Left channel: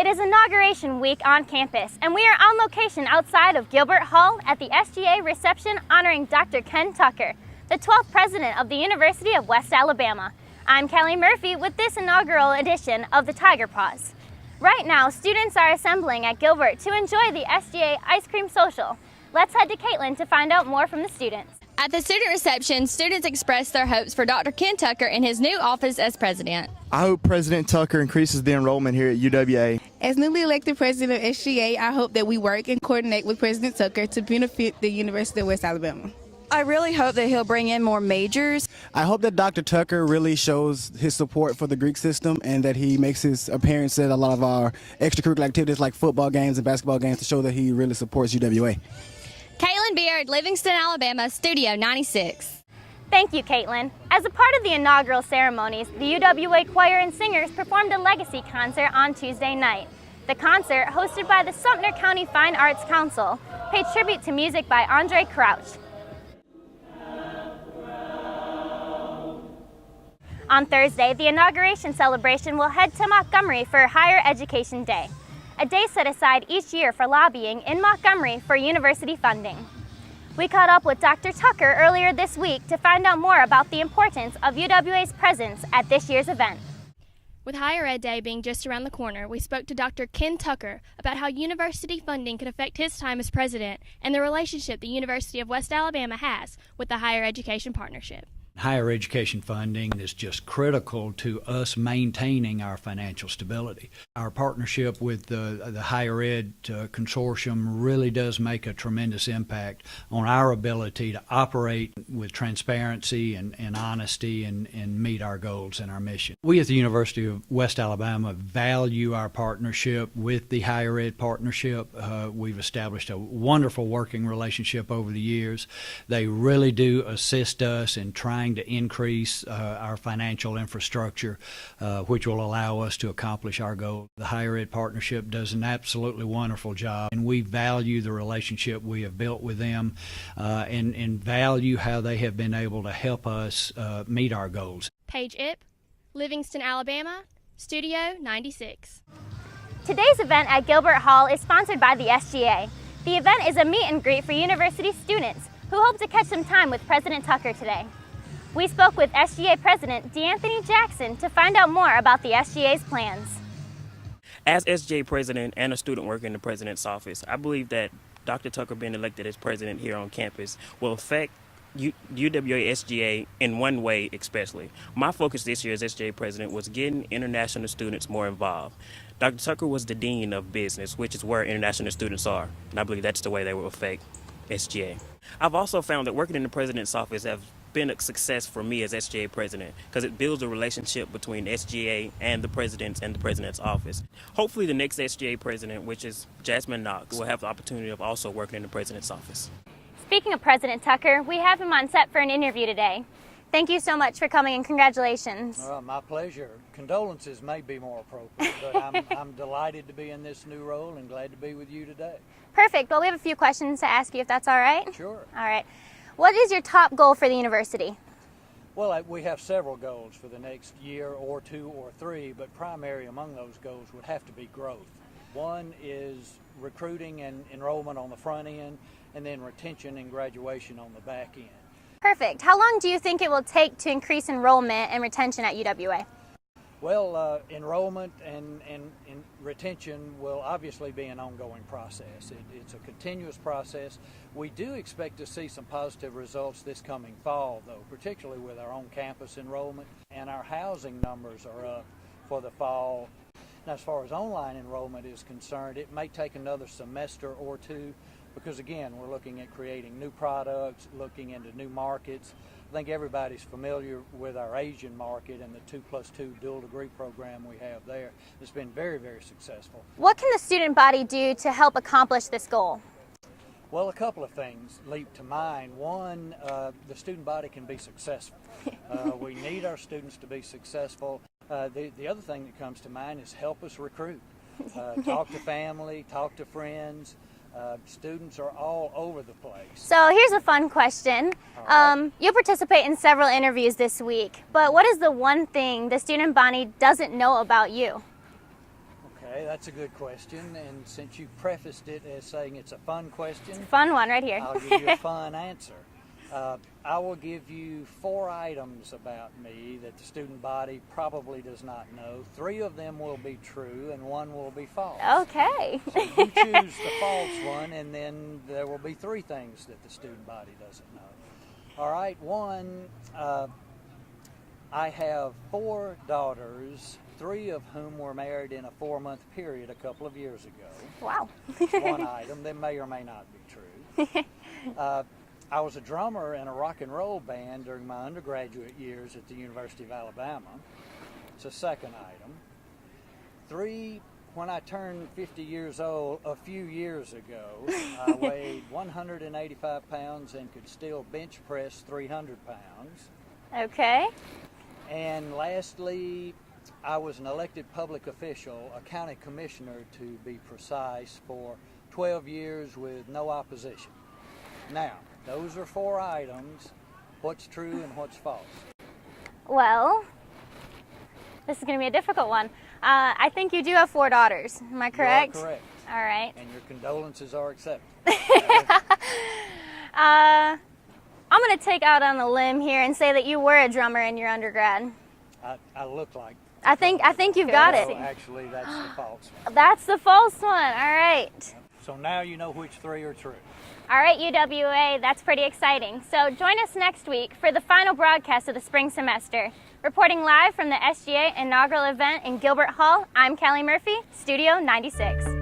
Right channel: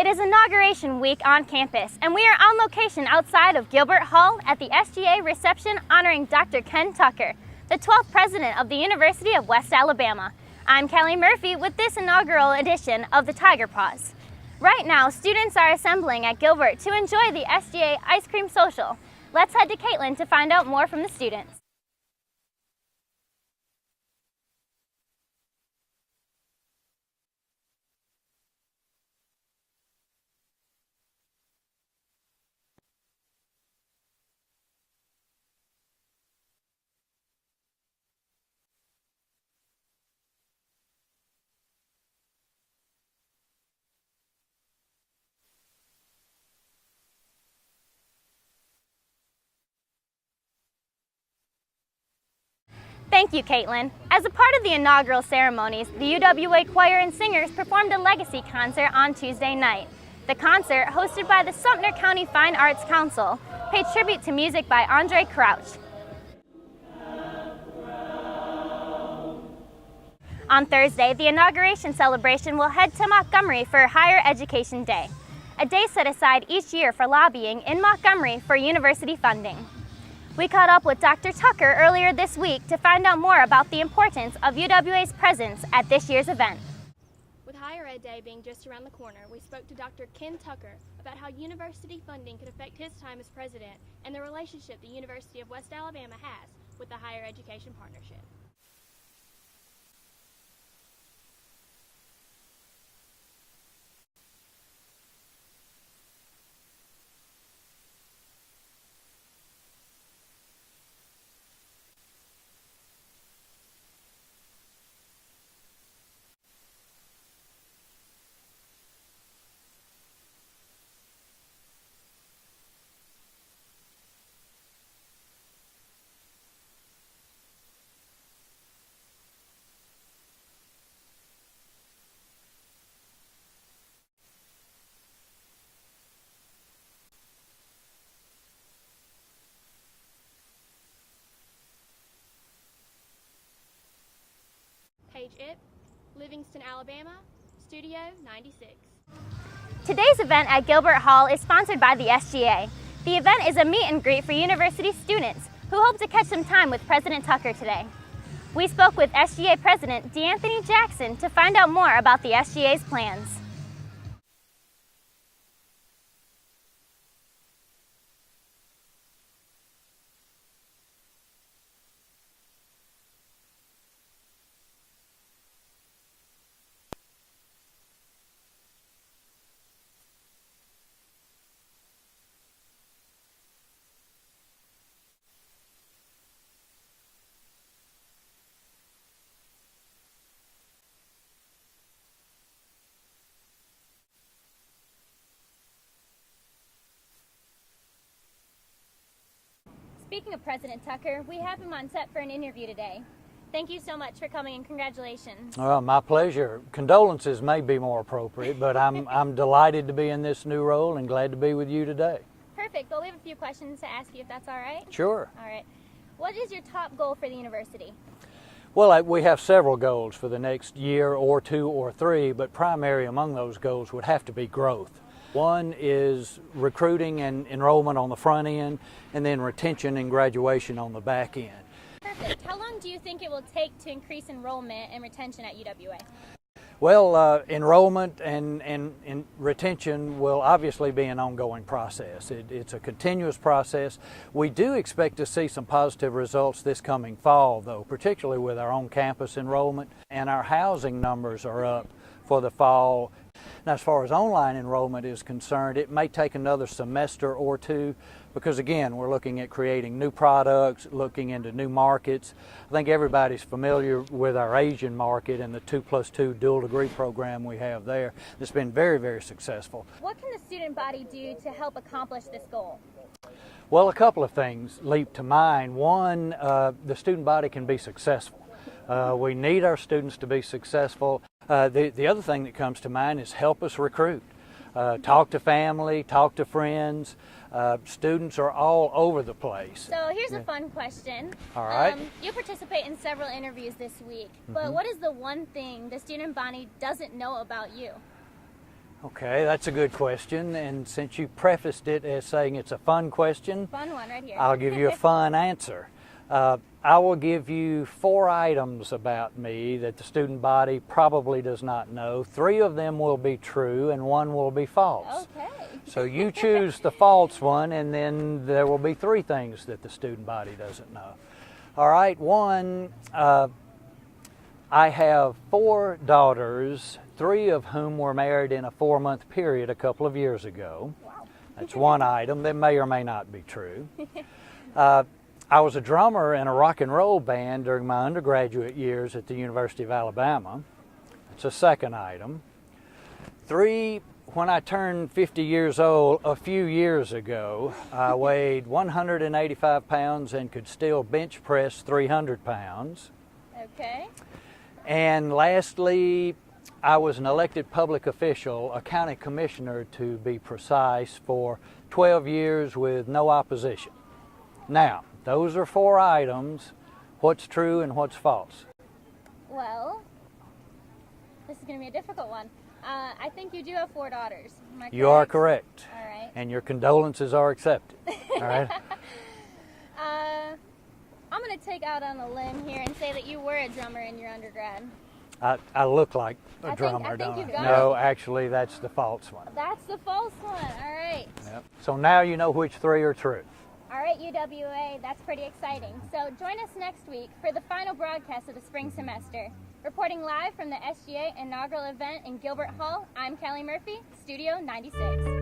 It is Inauguration Week on campus, and we are on location outside of Gilbert Hall at the SGA reception honoring Dr. Ken Tucker, the 12th president of the University of West Alabama. I'm Kelly Murphy with this inaugural edition of the Tiger Paws. Right now, students are assembling at Gilbert to enjoy the SGA Ice Cream Social. Let's head to Caitlin to find out more from the students. At the student reception, students expressed their hopes for Dr. Ken Tucker in his new office as president. I hope President Tucker increases the enrollment here at UWA. As newly elected president of SGA, I hope that we work and coordinate with President Tucker to benefit the University of West Alabama. I really hope that he'll bring in more majors. I hope that Dr. Tucker really shows his support for the Greek system and that he makes his appearance at a lot of our extracurricular activities like football games and basketball games to show that he really supports UWA. Caitlin Beard, Livingston, Alabama, Studio 96. Thank you, Caitlin. As a part of the inaugural ceremonies, the UWA Choir and Singers performed a legacy concert on Tuesday night. The concert, hosted by the Sumter County Fine Arts Council, paid tribute to music by Andre Crouch. On Thursday, the inauguration celebration will head to Montgomery for Higher Education Day, a day set aside each year for lobbying in Montgomery for university funding. We caught up with Dr. Tucker earlier this week to find out more about the importance of UWA's presence at this year's event. With Higher Ed Day being just around the corner, we spoke to Dr. Ken Tucker about how university funding could affect his time as president and the relationship the University of West Alabama has with the Higher Education Partnership. Higher education funding is just critical to us maintaining our financial stability. Our partnership with the Higher Ed Consortium really does make a tremendous impact on our ability to operate with transparency and honesty and meet our goals and our mission. We at the University of West Alabama value our partnership with the Higher Ed Partnership. We've established a wonderful working relationship over the years. They really do assist us in trying to increase our financial infrastructure, which will allow us to accomplish our goal. The Higher Ed Partnership does an absolutely wonderful job, and we value the relationship we have built with them and value how they have been able to help us meet our goals. Paige Ip, Livingston, Alabama, Studio 96. Today's event at Gilbert Hall is sponsored by the SGA. The event is a meet and greet for university students who hope to catch some time with President Tucker today. We spoke with SGA President DeAnthony Jackson to find out more about the SGA's plans. As SGA President and a student working in the President's office, I believe that Dr. Tucker being elected as president here on campus will affect UWA SGA in one way especially. My focus this year as SGA President was getting international students more involved. Dr. Tucker was the Dean of Business, which is where international students are, and I believe that's the way they will affect SGA. I've also found that working in the President's office has been a success for me as SGA President because it builds a relationship between SGA and the President's office. Hopefully the next SGA President, which is Jasmine Knox, will have the opportunity of also working in the President's office. Speaking of President Tucker, we have him on set for an interview today. Thank you so much for coming and congratulations. Well, my pleasure. Condolences may be more appropriate, but I'm delighted to be in this new role and glad to be with you today. Perfect. Well, we have a few questions to ask you if that's all right. Sure. All right. What is your top goal for the university? Well, we have several goals for the next year or two or three, but primary among those goals would have to be growth. One is recruiting and enrollment on the front end, and then retention and graduation on the back end. Perfect. How long do you think it will take to increase enrollment and retention at UWA? Well, enrollment and retention will obviously be an ongoing process. It's a continuous process. We do expect to see some positive results this coming fall, though, particularly with our on-campus enrollment, and our housing numbers are up for the fall. Now, as far as online enrollment is concerned, it may take another semester or two because, again, we're looking at creating new products, looking into new markets. I think everybody's familiar with our Asian market and the 2+2 dual degree program we have there. It's been very, very successful. What can the student body do to help accomplish this goal? Well, a couple of things leap to mind. One, the student body can be successful. We need our students to be successful. The other thing that comes to mind is help us recruit. Talk to family, talk to friends. Students are all over the place. So here's a fun question. All right. You'll participate in several interviews this week, but what is the one thing the student body doesn't know about you? Okay, that's a good question. And since you prefaced it as saying it's a fun question, Fun one right here. I'll give you a fun answer. I will give you 4 items about me that the student body probably does not know. 3 of them will be true and 1 will be false. Okay. So you choose the false one, and then there will be 3 things that the student body doesn't know. All right, 1, I have 4 daughters, 3 of whom were married in a 4-month period a couple of years ago. Wow. That's 1 item that may or may not be true. I was a drummer in a rock and roll band during my undergraduate years at the University of Alabama. It's a 2nd item. 3, when I turned 50 years old a few years ago, I weighed 185 pounds and could still bench press 300 pounds. Okay. And lastly, I was an elected public official, a county commissioner to be precise, for 12 years with no opposition. Now, those are 4 items. What's true and what's false? Well, this is going to be a difficult one. I think you do have 4 daughters. Am I correct? You are correct. All right. And your condolences are accepted. All right? I'm going to take out on a limb here and say that you were a drummer in your undergrad. I look like a I think drummer, you've don't got I? it. No, actually, that's the false one. That's the false one. All right. Yep. So now you know which 3 are true. All right, UWA, that's pretty exciting. So join us next week for the final broadcast of the spring semester. Reporting live from the SGA inaugural event in Gilbert Hall, I'm Callie Murphy, Studio 96.